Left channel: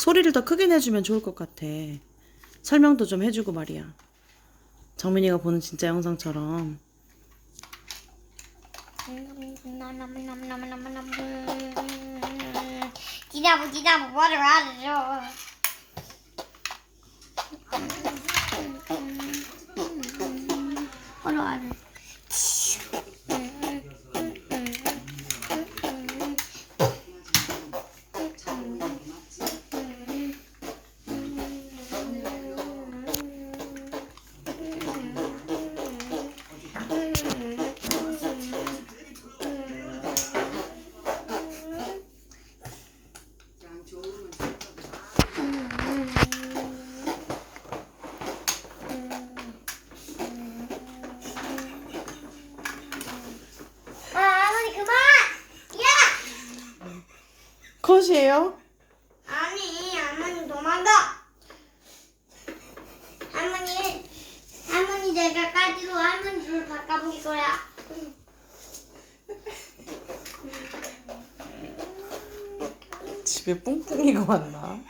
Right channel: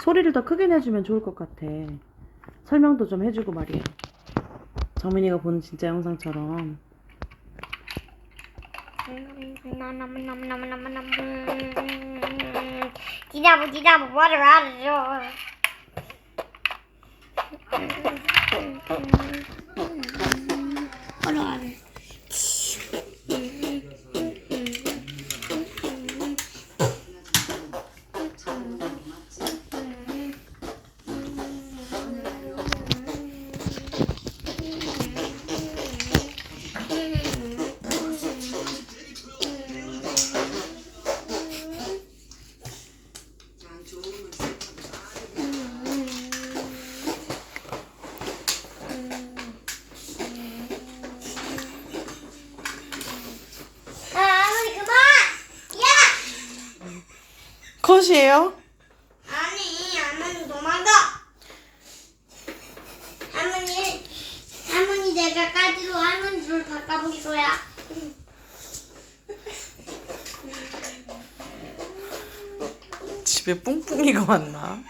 소리를 더 크게 내주면 좋을 것 같아. 설명도 좀 해주고 말이야. 정민이가 보는 진짜 영상처럼. 지나부 지나부 뭐를 알아줘 컷이에요? 아니 할머니 도망가 할머니 할머니 내가 까지로 할머니 줄 바꿔볼 거야 집에 뿡뿡이가 왔나?